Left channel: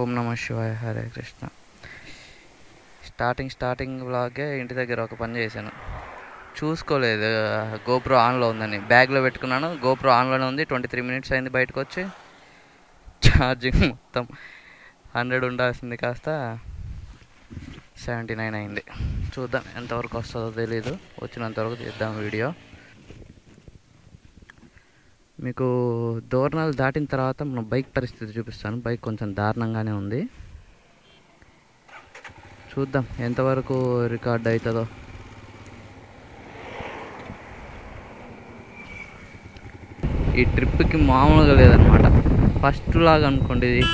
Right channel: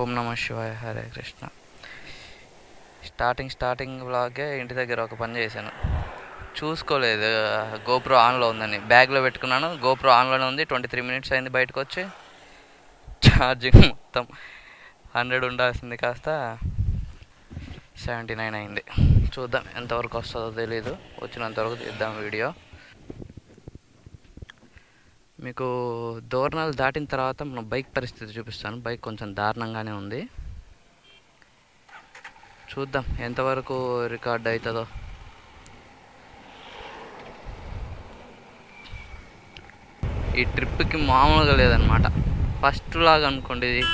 ఓం నమ శివాయ, హరే కృష్ణ. స్టార్టింగ్ వ్లాగే ఇంటి దగ్గర ఒక పని చేశాను. చూసుకోలేదు గోప్రో ఆన్లో ఉందని. బ్యాగ్లో పెట్టుకున్నాను, గోప్రో ఆన్లోనే ఉంది. 23 minutes అయింది బయటకు వచ్చి. ఛార్జింగ్ మొత్తం 100 ఉండాల్సింది కాస్త 79 అయింది. చూద్దాం ఎంతవరకు వస్తుందో తెలీదు. వచ్చినంతవరకు తీద్దాం వీడియో. మీకు దూరణాలు దాటిన తర్వాత మనం బైక్ పరిస్థితి చూపిస్తాను. బైక్ కొంచెం దారుణంగానే ఉంది. చూద్దాం ఎంతవరకు రికార్డ్ అవుతుందో. ఈ ట్రిప్కి మామూలుగా లేదనమాట. ఫస్ట్ వ్లాగ్ అనుకోండి, ఇది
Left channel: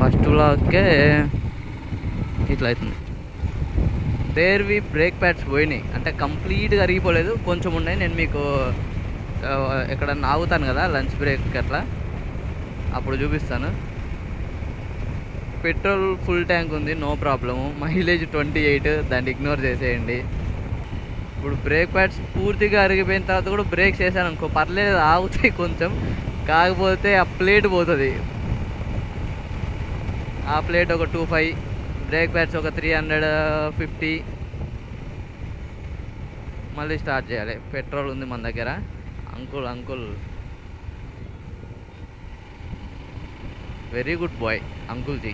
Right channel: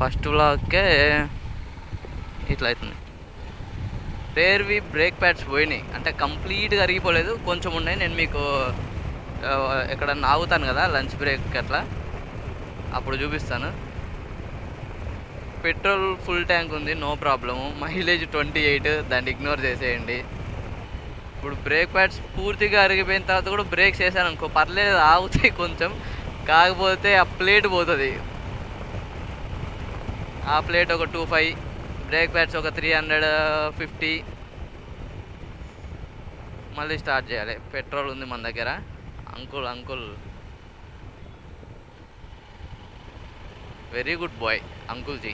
ఫస్ట్ వ్లాగ్కే ఇట్లా అవుతుంది. రేర్వి బ్రేక్ ప్యాడ్స్ పోయినాయి, అంటే కంప్లీట్గా అరిగిపోలేదు, కొంచెం ఉన్నాయి. నేను మీకు ఎక్కడన్నా ఆగుతాను కదా లంచ్ బ్రేక్ అట్లా, అప్పుడు చూపిస్తాను. పెట్రోల్ ఫుల్ ట్యాంక్ ఉంది, నో ప్రాబ్లము. మైలేజ్ 28, దాన్ని ఇగ్నోర్ చేసేయండి. ఇప్పుడు బ్రేక్ ప్యాడ్స్ పూర్తిగా అరిగిపోయిన తర్వాత కూడా బ్రేక్స్ వేసాను అనుకో, పర్లేదు, ఆగుతాయి కొంచెం. కాకపోతే ఆ ప్లేట్ పోతుంది. ఆ ప్లేట్ ఒక 25, బ్రేక్ ప్యాడ్స్ ఒక 350. మళ్ళీ స్టార్ట్ చేయాలి. పెట్రోల్ ఉంది మన దగ్గర. అంకుల్ వెరీ గుడ్ బాయ్ అంకుల్జీ.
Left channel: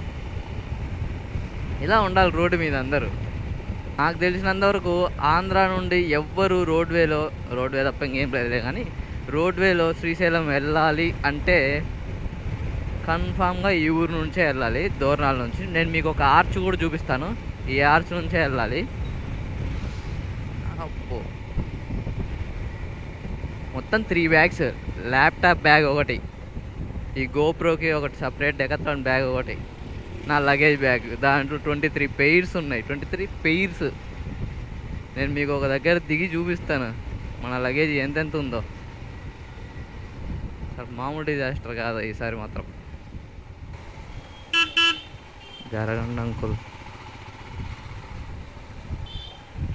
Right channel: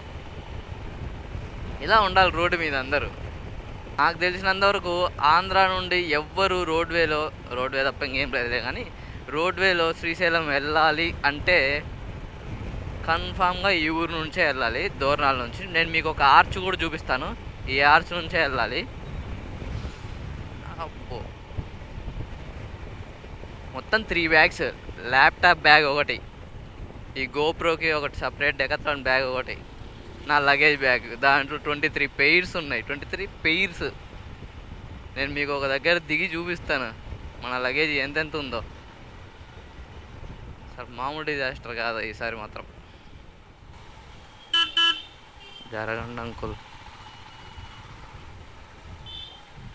ఇలా ఉండాలి రోడ్డు మీద అందరూ. నాకు తెలిసినంతవరకు ఆంధ్ర నుండి ఎవ్వరు రోడ్వే తప్ప ఇంకేం లేదులే, కానీ రోడ్వేలో శ్రీశైలం వెళ్ళాలి అంటే కన్ఫామ్గా ఈ ఊరు నుంచే వెళ్ళాలి, దూరణాల నుంచి. నేను మీకు ఒక ఆర్చ్ కూడా చూపిస్తాను. ఈ ఆర్చ్ నుంచే వెళ్ళాలి. అబ్బో, మొత్తం 3 బ్యాగ్స్. ల్యాప్టాప్ బ్యాగ్ ఒకటి, ఈ గోప్రోకి ఒకటి సపరేట్, డెకాథ్లాన్ బ్యాగ్ ఒకటి, నా లగేజ్ బ్యాగ్. దాంట్లో 23 పెయిర్స్ ఉన్నాయి. 23 పెయిర్స్. నేను మీకు ఒక దగ్గర దిగి చూపిస్తాను మన లగేజ్ ఎంతెంత ఉందో. సార్ మామూలు డిజాస్టర్ కాదు ఈసారి మాత్రం. జరగండి అంకుల్.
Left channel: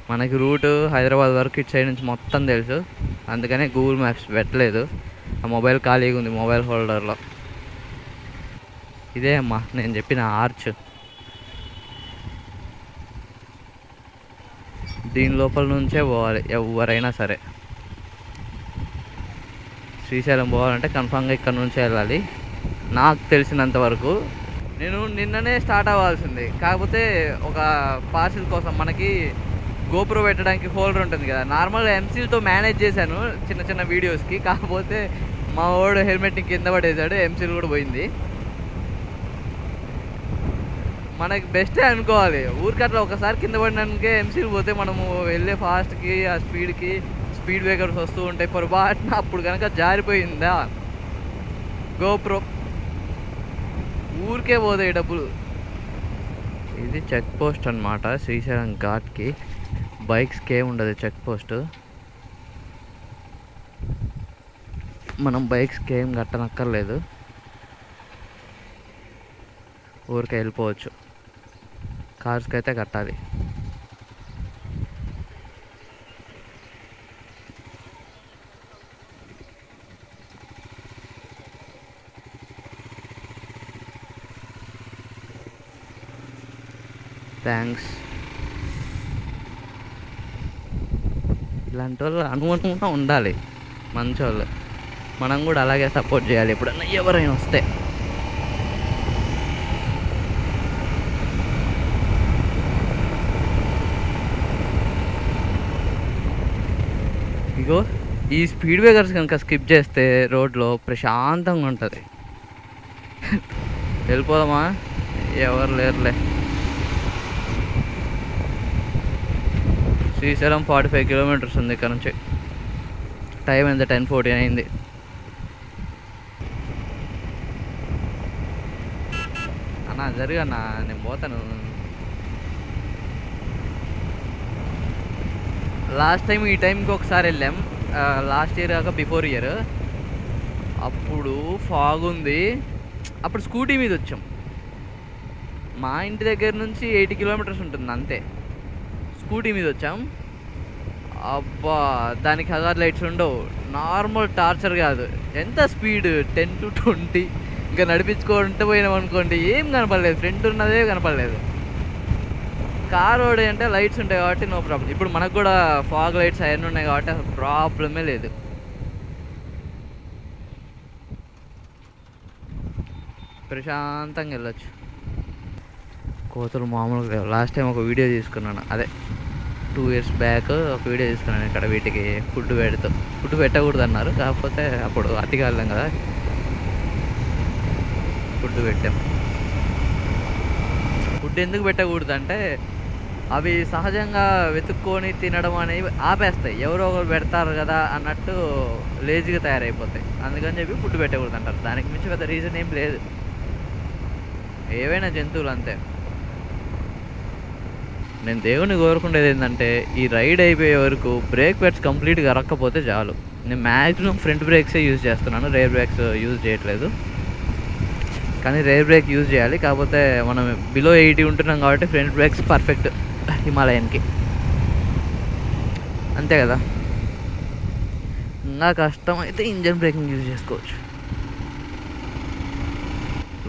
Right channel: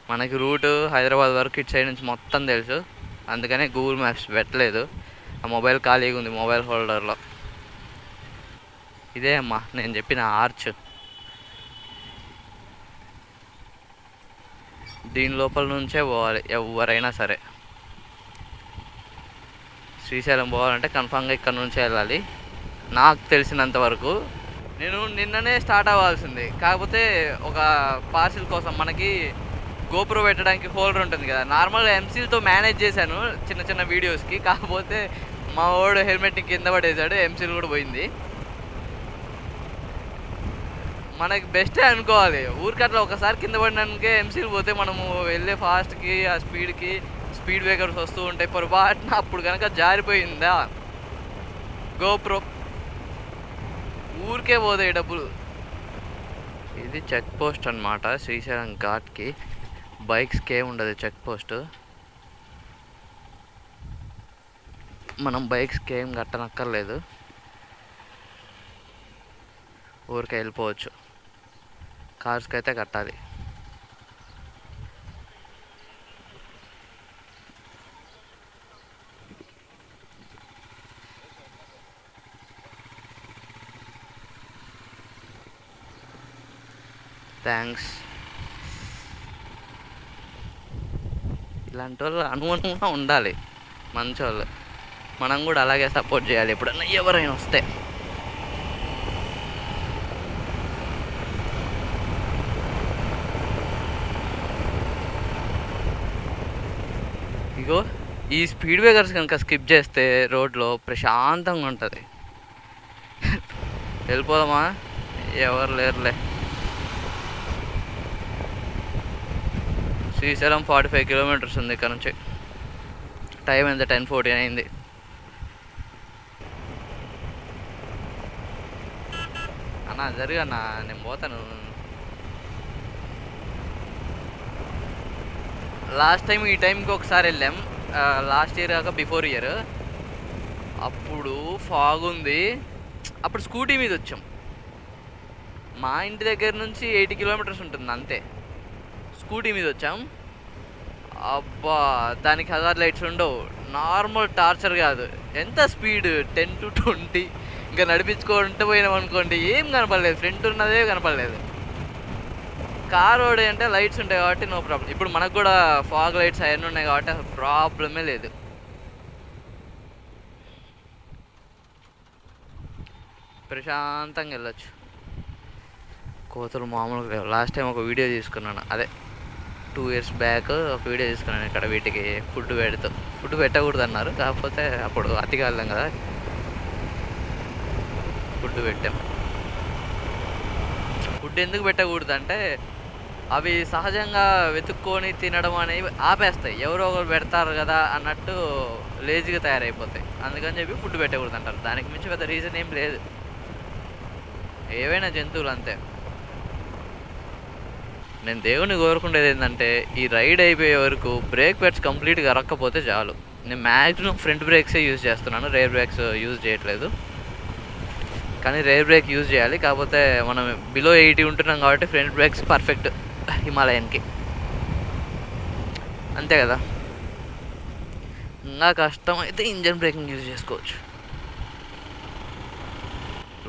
మనకి రూటు హైదరాబాద్ వరకు ఇటు సైడ్ నుంచి మొత్తం తెలుసు, అందుకనే గూగుల్ మ్యాప్స్ పెట్టలేదు. ఆ మొబైల్ ఖాళీగా ఉంది మొబైల్ హోల్డర్లో. ఇదే అమ్మా నేను చెప్పిన ఆర్చ్. దీని లోపల నుంచే పోవాలి ఎవరైనా సరే. శ్రీశైలం పోవాలంటే కన్ఫామ్గా ఇక్కడ నుంచే వెళ్ళాలి నాకు తెలిసినంత వరకు. నేను నిన్ననే స్టార్ట్ అవ్వాల్సింది, కాకపోతే ఒక పార్సిల్ కోసం మనకి గోప్రో పెట్టడానికి హోల్డర్ ఉంటుంది కదా, నార్మల్గా ఎంసీల్తో మేనేజ్ చేశాను చిన్న వీడియోస్కి. కాకపోతే మా వాడు హెల్మెట్ని కింద పడేశాడు, ఎంసీల్ కూడా పోయింది. మనకి బెస్టే అనుకోవాలి. ఊరికట్లా ఒకసారి కింద పడినాకే ఎంసీల్ పోతే మనము వెళ్ళే ఫాస్ట్కి, ఆ స్పీడ్కి స్పీడ్ బ్రేకర్స్ వస్తూ ఉంటాయి. పొరపాటున అప్పుడు కనుక జారిపోయిందా గోప్రో, ఊరికే పోతాయి డబ్బులు. ఇది చెక్ పోస్ట్ అనమాట శ్రీశైలం ఘాట్కి. బైక్స్కి ఏముండదు చెక్ పోస్ట్. మనం బైక్స్కి ఏం కట్టనక్కర్లేదు, ఊరికే వెళ్ళిపోవచ్చు. కార్స్కి అయితే కట్టాలి. థ్యాంక్స్. ఇలాంటి వాళ్ళు అనుగుణంగా ఉండాలి, మంచోళ్ళు. మనం కూడా అలాగే సపోర్ట్ చేయాలి ఎప్పుడన్నా ఎవరైనా వస్తే. ఇగో ఈ స్పీడ్ బ్రేకర్స్ కనుక స్కిప్ చేస్తే రోడ్లో ప్రశాంతంగా ఉంటుంది. వెళ్ళిపోదామా? ఎవరు లేరులే. శ్రీశైలం 45 kilometers ఉంది ఇక్కడ నుంచి. టైం ఎంత? 10:14 అయింది. అన్నా జరుగన్నా, నేను పోతాను. లాస్ట్ టైం ఈ టైంకి ఒకసారి వెళ్ళాం, లాస్ట్ ఇయర్ కాక బిఫోర్ ఇయర్. అప్పుడు ఫాగ్ ఉంది, అప్పుడు స్కూటీ మీద వచ్చాం. మా ఇంటి దగ్గర నుంచి 80 kilometers ఉంటుంది అంతే. స్కూటీ మీద వచ్చాం. అబ్బా, దానికి హజార్ లైట్స్ ఉండవు. నార్మల్ టార్చర్ కాదు. ఎంత స్పీడ్ 10 to 20. ఇంకా నడిపించుకుంటూ పోయినాం అనుకోండి, ఏం కనపడలేదు, ఫ్రంట్ ఉన్నదే కనపడలేదు. కార్ రోడ్ అంటే లైట్స్ ఉంటాయి కాబట్టి నో ప్రాబ్లం. ఇప్పుడు మనకు కూడా ఫాగ్ లైట్స్ అవన్నీ ఉన్నాయి కాబట్టి అసలు ప్రాబ్లమే లేదు. ప్రశాంతంగా వెళ్ళొచ్చు. కోతులు మామూలుగా లేవు. లాస్ట్ టైం ఒక వీడియో తీసుకున్నాను, అదే 2 years బ్యాక్ ఒక వీడియో తీసుకున్నాను. ఇక్కడ వీటికి ఫుడ్ పెట్టకూడదు అన్నారు, కాకపోతే అప్పుడు అతిగా వెళ్ళాం కదా, ఫుడ్ పెట్టాం. ఫుడ్ ఎందుకు పెట్టకూడదు అంటే అవి సహజంగా వెతుక్కొని తినడం అనేవి ఆపేస్తాయి. ఎవరో ఒకరు పెడతారు కదా అన్నట్టు లేజీగా తయారైపోతాయి. అందుకని చెప్పి ఫుడ్ పెట్టకూడదు అంటారు. దానికి మించి పెద్ద రీజన్ ఏం లేదు. ఏవైనా జంతువులు అంతే. నేను దేవుని కోరుకునేది ఏంటంటే ఈ రైడ్ అయిపోయే వరకు బ్రేక్ ప్యాడ్స్ కంప్లీట్గా అరక్కపోతే చాలు. నేను మ్యాక్సిమం ఫ్రంట్ బ్రేక్సే యూజ్ చేస్తున్నాను, రేర్ బ్రేక్స్ యూజ్ చేయట్లేదు. కానీ రేర్ బ్రేక్ యూజ్ చేయాలి, కాకపోతే మనం బిలో 80 ఉంటున్నాం కాబట్టి ఫ్రంట్ బ్రేక్స్ పర్ఫెక్ట్ హిమాలయన్కి, అంతే కదా. ఇంకా కష్టం అయితే ఇంజన్ బ్రేకింగ్ యూజ్ చేసుకోవచ్చు.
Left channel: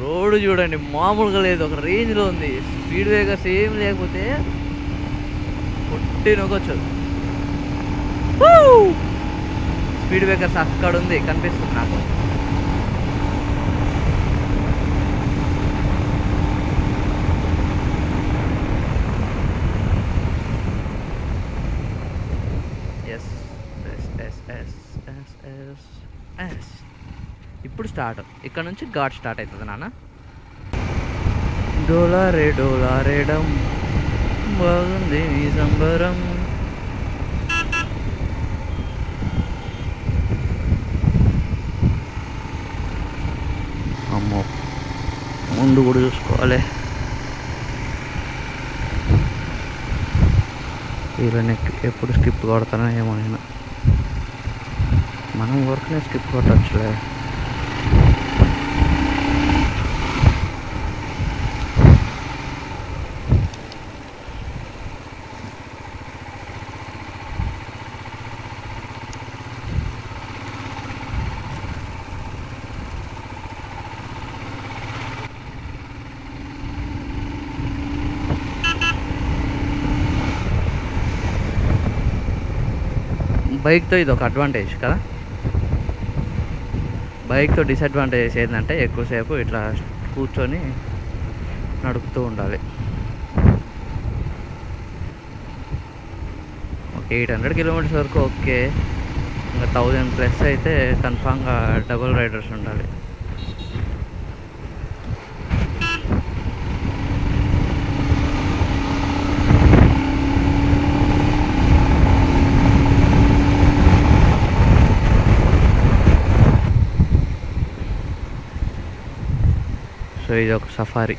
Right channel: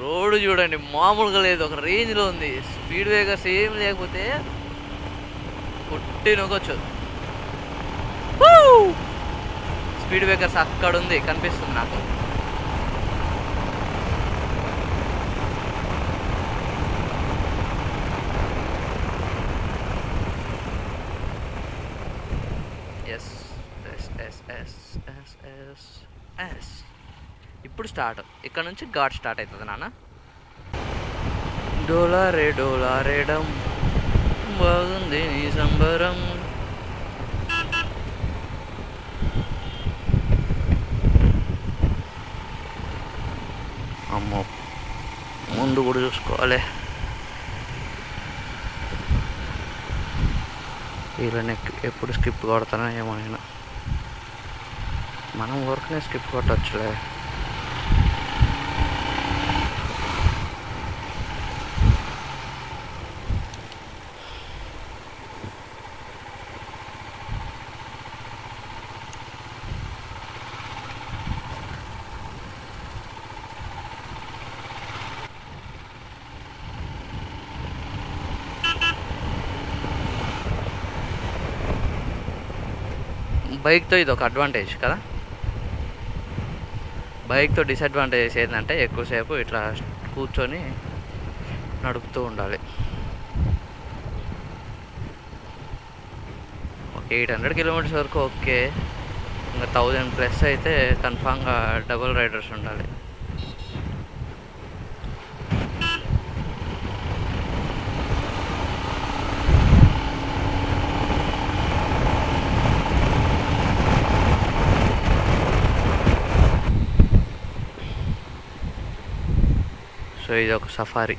రోడ్డు చూడండి మామూలుగా లేదు, ఒక రేంజ్లో ఉంది. స్పీడ్ బ్రేకర్స్ ఏం లేకపోతే కొట్టి నొక్కొచ్చు. స్పీడ్ బ్రేకర్స్ అక్కడ ఉంది, కనిపిస్తుంది నాకు. Yes yes yes yes yes yes yes. ఇప్పుడు స్టార్ట్, ఇక్కడ నుంచి ఘాట్ స్టార్ట్ అవుతుంది నాన్న. డోలారేడం బాగుంది నీ సంబరం. అమ్మో, ముందు కూడా చూసుకోవాలి. వీళ్ళని ఎప్పుడు స్కిప్ కొడతానో ఏమో. నేను మనం వర్క్నే స్కిప్ కొట్టచ్చులే. బైక్తో ఇది ఒక అడ్వాంటేజ్ కదా. బైక్తో డిసడ్వాంటేజెస్ ఏంటంటే ఎక్కువసేపు ఇట్లా కూర్చొని నడుపుతూ ఉండాలి. ఒక 800 kilometers వరకు ఓకే, ఇంకా 1000+ అయితే కన్ఫామ్గా డబుల్ రైడర్స్ ఉండాలి. సో ఇది ఒక సఫారీ,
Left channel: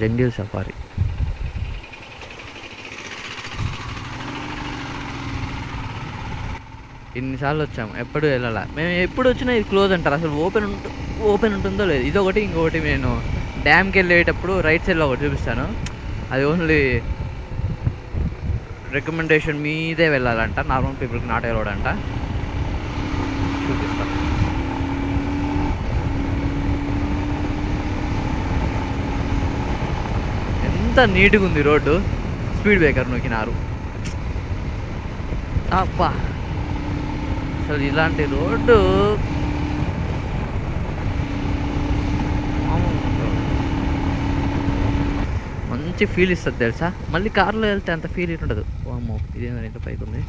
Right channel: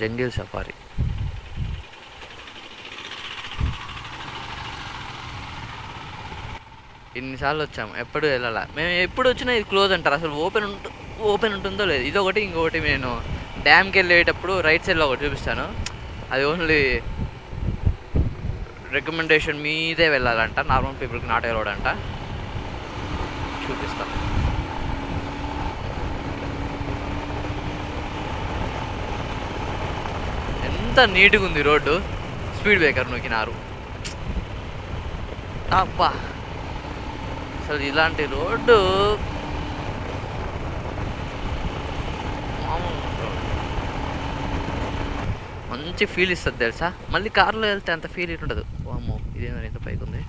జంగిల్ సఫారీ. ఇన్నిసార్లు వచ్చాము, ఎప్పుడు వెళ్ళాలా. మేము ఎప్పుడు వచ్చినా ఇది క్లోజ్ అంటారు. అసలు ఓపెన్ ఉంటుందో లేదు. ఇదొకటి, ఇంకొకటి నేను డ్యామ్కి వెళ్ళేటప్పుడు రైట్ సైడ్లో ఒకటి చూపిస్తాను. అది ఓన్లీ రికమెండేషన్ మీదే వెళ్ళాలంట, నార్మల్ పీపుల్కి నాట్ అలౌడ్ అంట. చూపిస్తాను. ఎంత నీట్గా ఉంది రోడ్డు. Speed breaker నొక్కినారు. అబ్బా, అసలు ఇలాంటి రోడ్డు మంచి ఫీల్ ఇస్తుంది తెలుసా. మళ్ళీ కార్లో వెళ్తే అంత ఫీల్ ఉండదు. అమ్మో, ఇదేమో ఇంత పైకి ఉంది.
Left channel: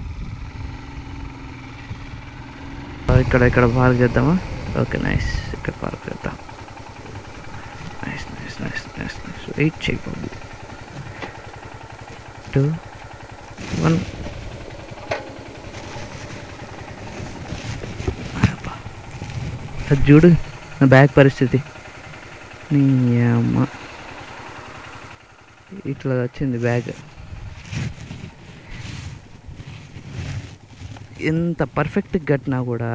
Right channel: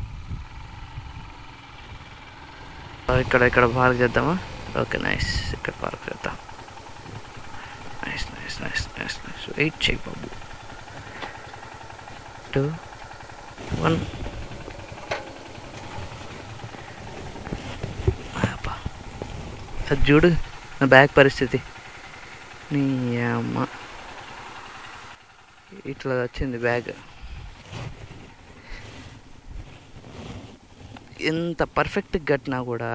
ఇక్కడ పార్క్ చేద్దామా? Okay, nice. ఇక్కడ పార్క్ చేద్దాం. Nice nice nice nice nice. Wait చేయి బాబు. 2, 1. అది చూడు నా బ్యాగ్ పరిస్థితి. నీ అమ్మ, ఇట్లా వచ్చింది బ్యాగ్. ఎంత పర్ఫెక్ట్గా కట్టినా కూడా.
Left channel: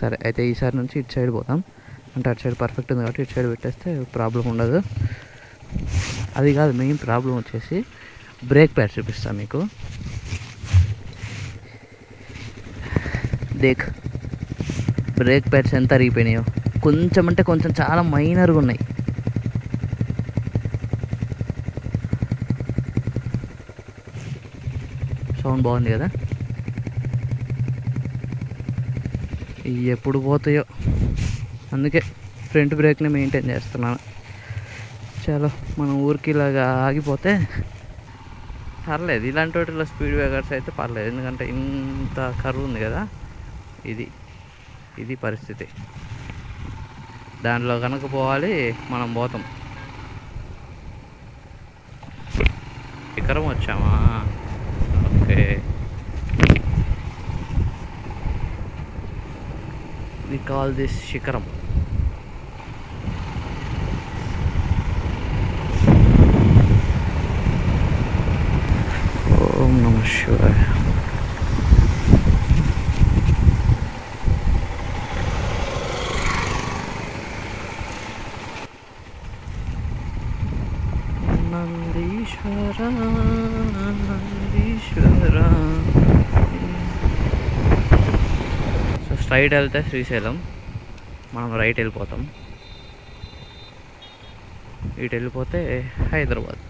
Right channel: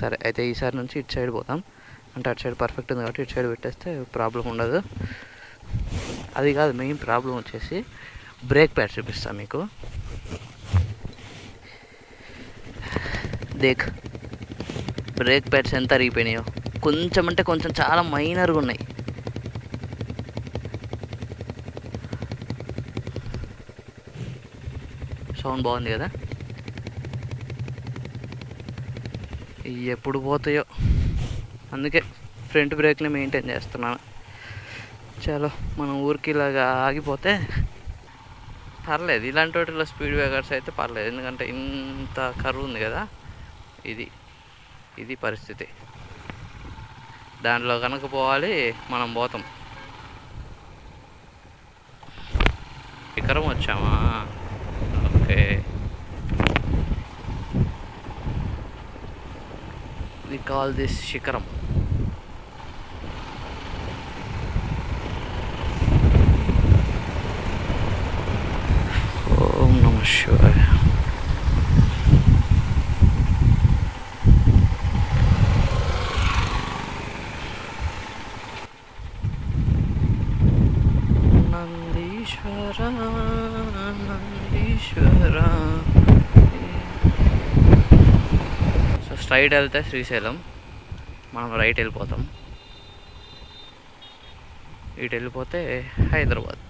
సరే అయితే ఈసారి నుంచి ఇటు సైడ్ పోదాం. అంటే అటు సైడ్ పర్ఫెక్ట్ ఉంది కాబట్టి ఇటు సైడ్ పెట్టేస్తే ప్రాబ్లం ఉండదు. అది కాదు మెయిన్ ప్రాబ్లం వచ్చేసి బ్రేక్ ప్యాడ్ చూపిస్తాను మీకు. దేక్ బ్రేక్ ప్యాడ్స్ ఎంత అరిగిపోయినాయో. కొంచెం అంటే కొంచెం, చాలా మైనర్గా ఉన్నాయి. సౌండ్ బాగుంది కదా. ఇవి ఎప్పుడు పోతాయో, అందుకే ఫ్రంట్ బ్రేక్ని మెయింటైన్ చేస్తున్నాను. చలో, మనం ఊరికి ఇలాగా ఆగిపోతే పర్లేదు. ఇలాంటి వాటిలో స్పీడ్ బ్రేకర్స్ అయితే పర్లేదు, ఎందుకంటే ఇంత కర్వ్ ఉంది కదా. ఇది పరిస్థితి. దాంట్లో కనుక పోవాలి, మనం పోతాం. శిఖరం వచ్చామా? ఓకే, వి కాల్ దిస్ శిఖరం. ఓం నమ శివాయ. నందీశ్వర నందీశ్వర. సో స్ట్రైట్ వెళ్తే శ్రీశైలం, మనం రైట్ వెళ్ళిపోతాం. ఇటు వెళ్ళిపోతే హైదరాబాద్.